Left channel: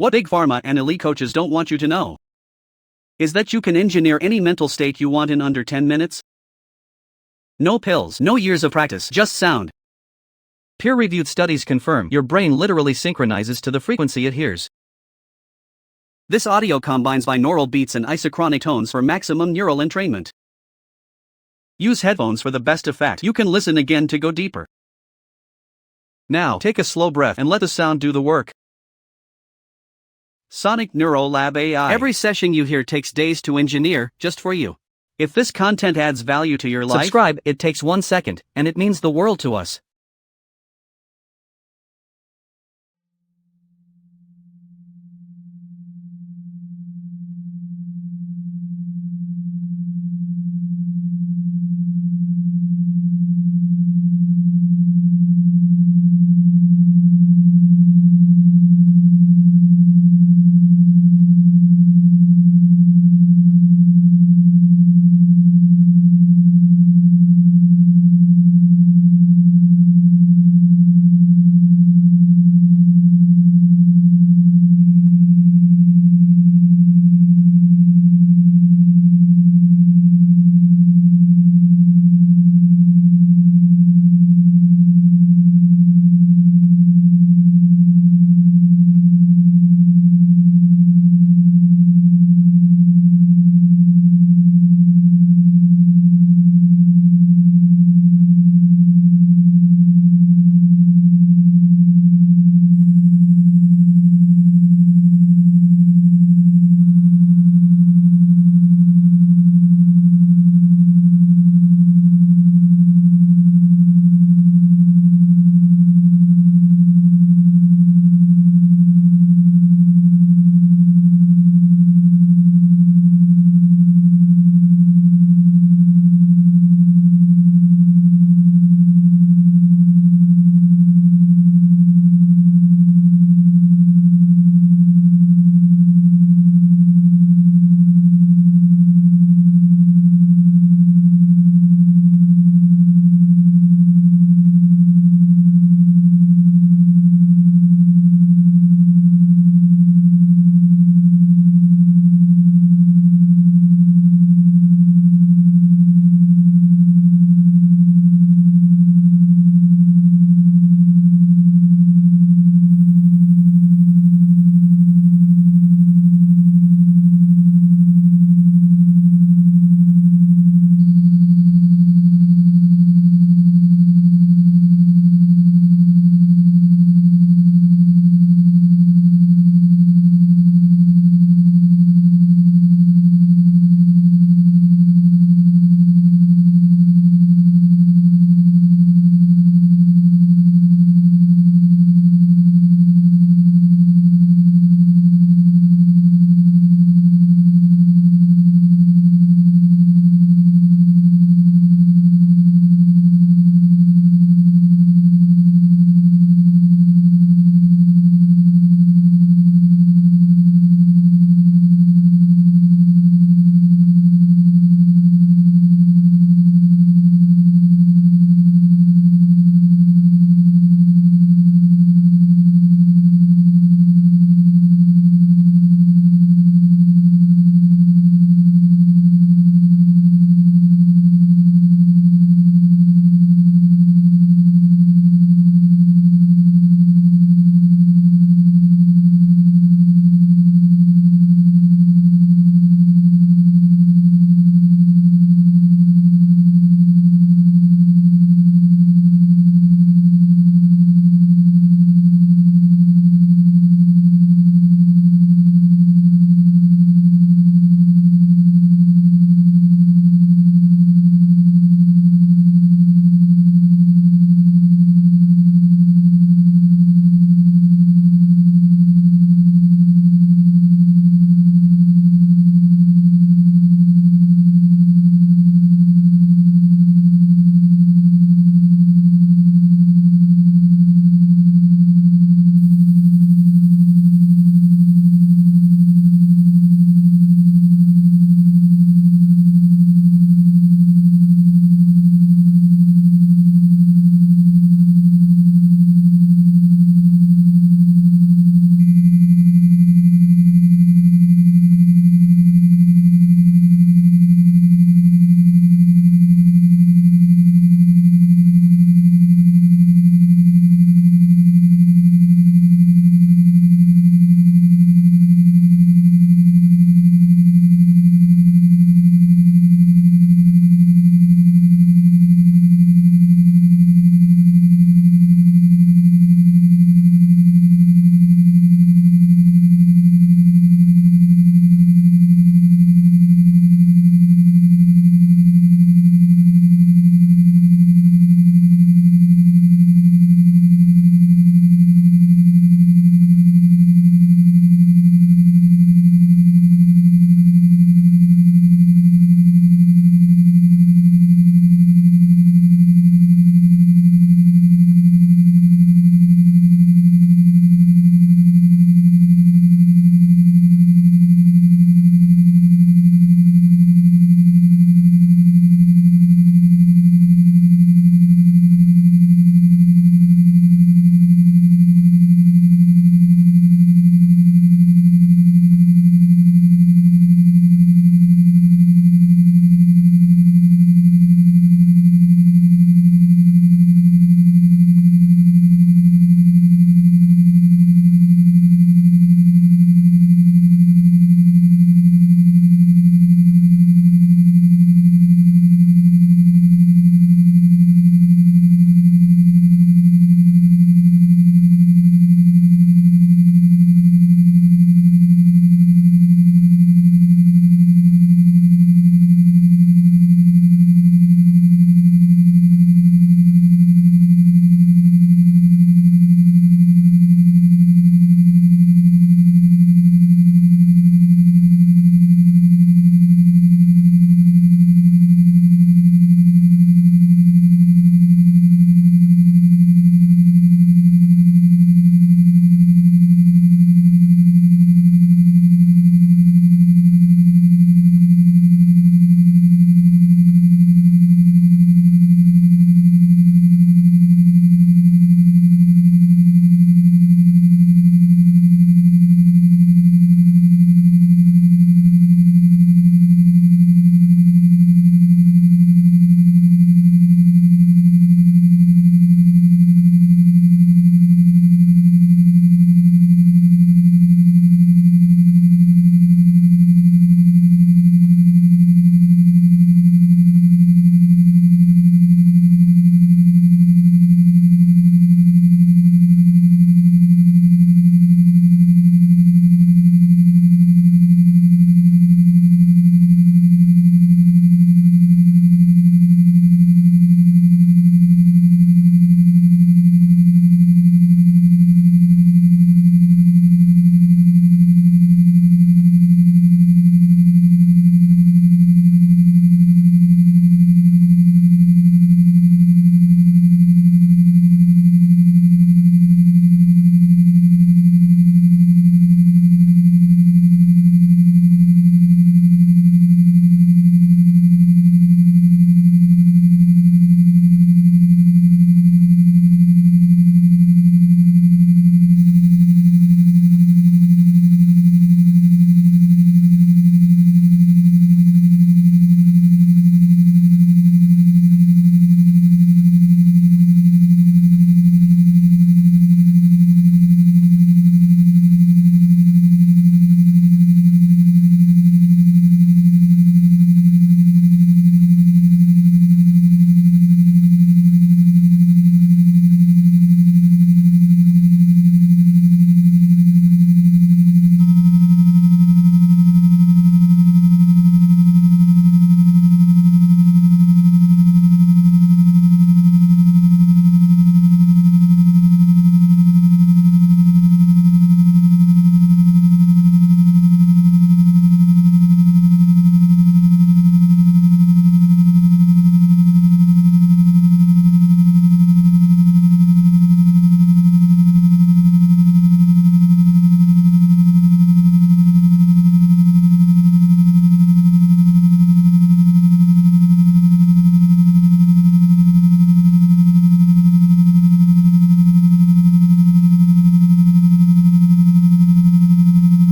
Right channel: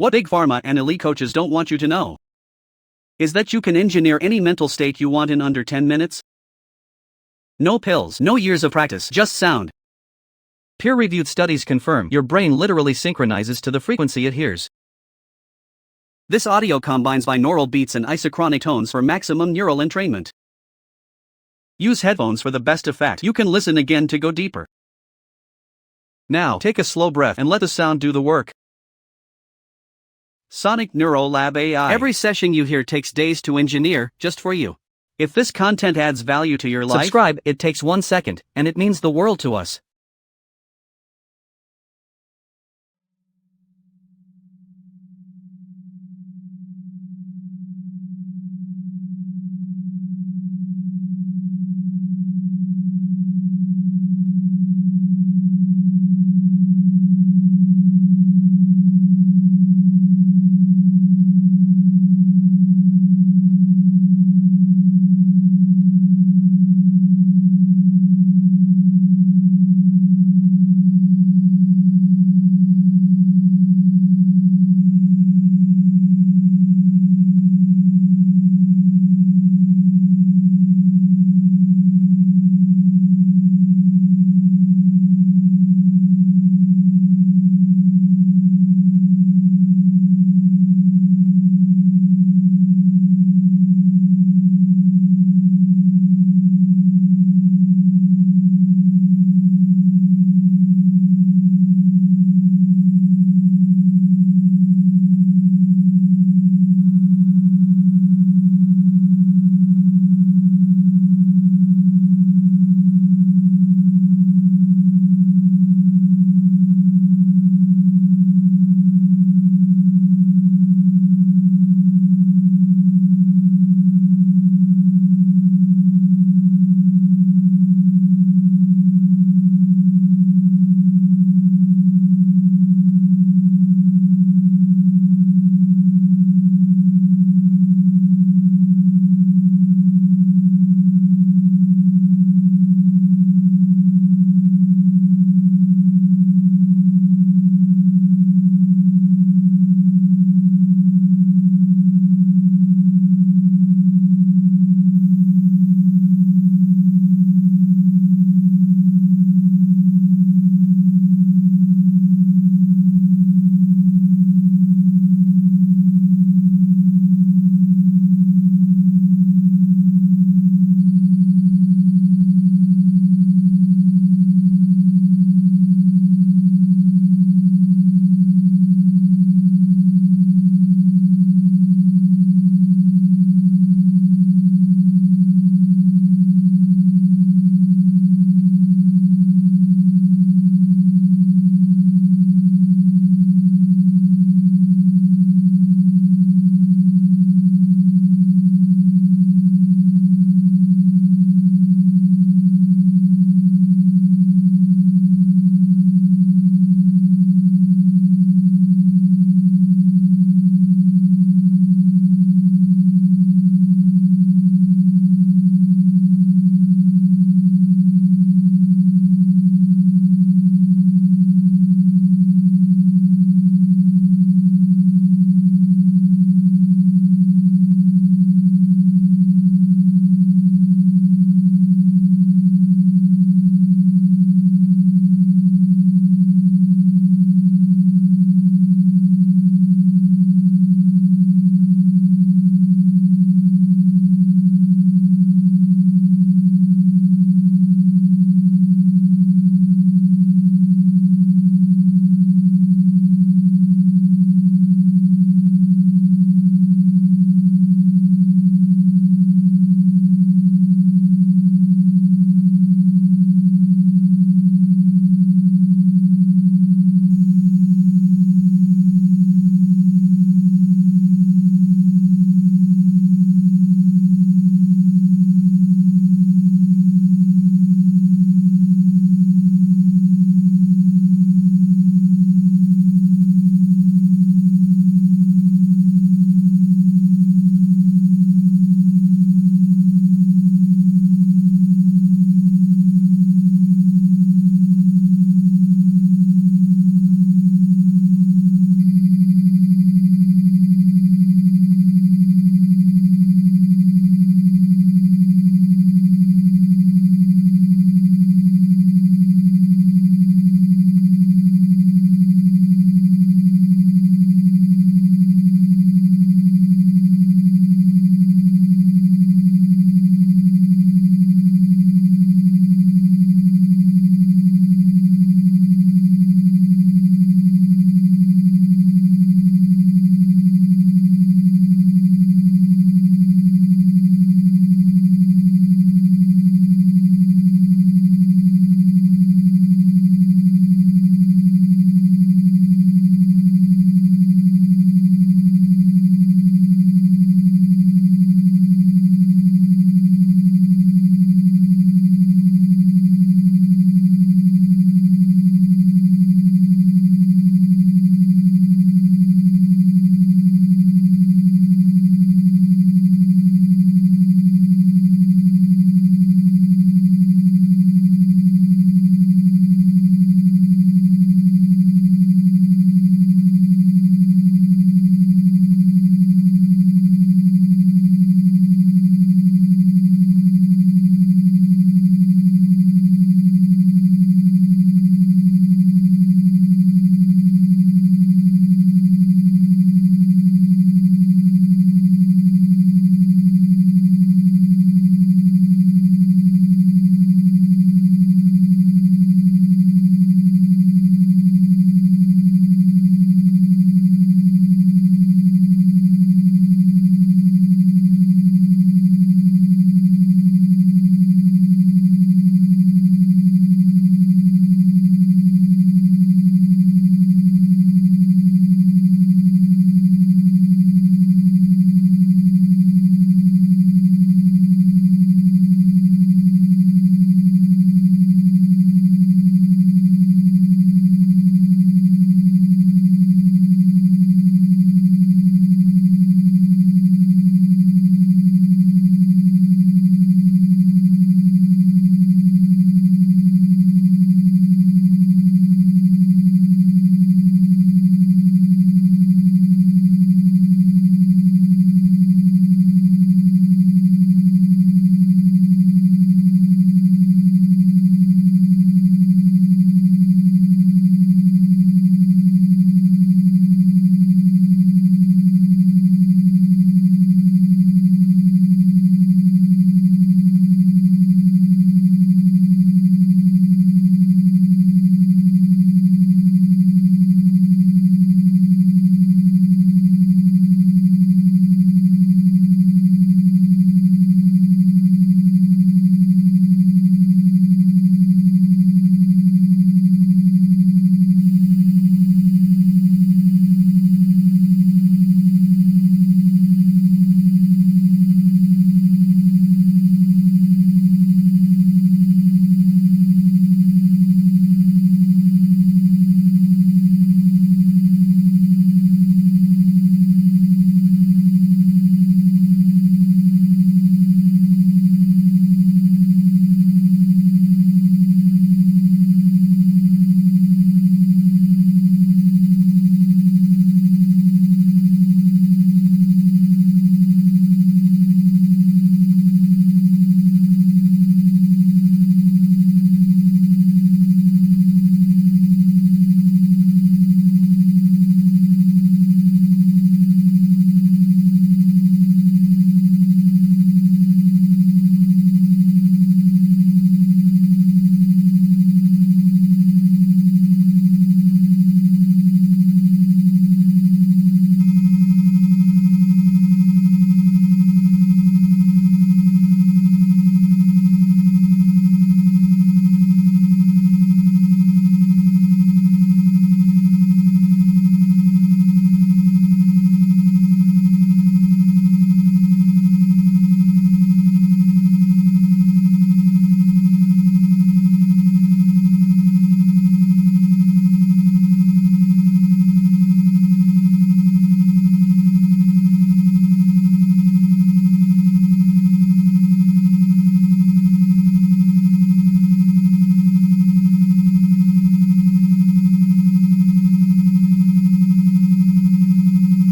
What big pharma and elite coaches don't want you to know is that you can engineer any mental state you want in under 10 minutes. No pills, no years of practice, just sound. Peer-reviewed studies confirm your brain literally synchronizes to the frequency it hears. This audio combines binaural beats and isochronic tones for maximum neural entrainment. Use headphones for the best effect. You can listen again to go deeper. Now, take a slow breath and let the sound do the work. Sonic Neuro Lab AI. Every session you hear takes days to engineer, just for you. If this content adds value to your life, subscribe. It takes 1 second, and it means the world to us.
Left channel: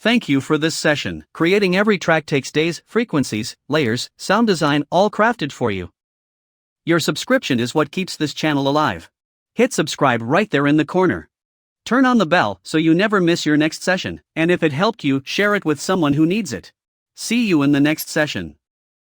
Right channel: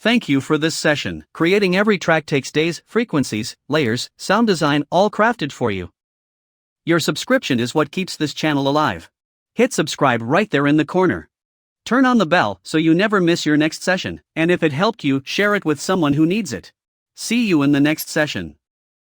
Thank you for this session. Creating every track takes days, frequencies, layers, sound design, all crafted for you. Your subscription is what keeps this channel alive. Hit subscribe right there in the corner. Turn on the bell so you never miss your next session, and if it helped you, share it with someone who needs it. See you in the next session.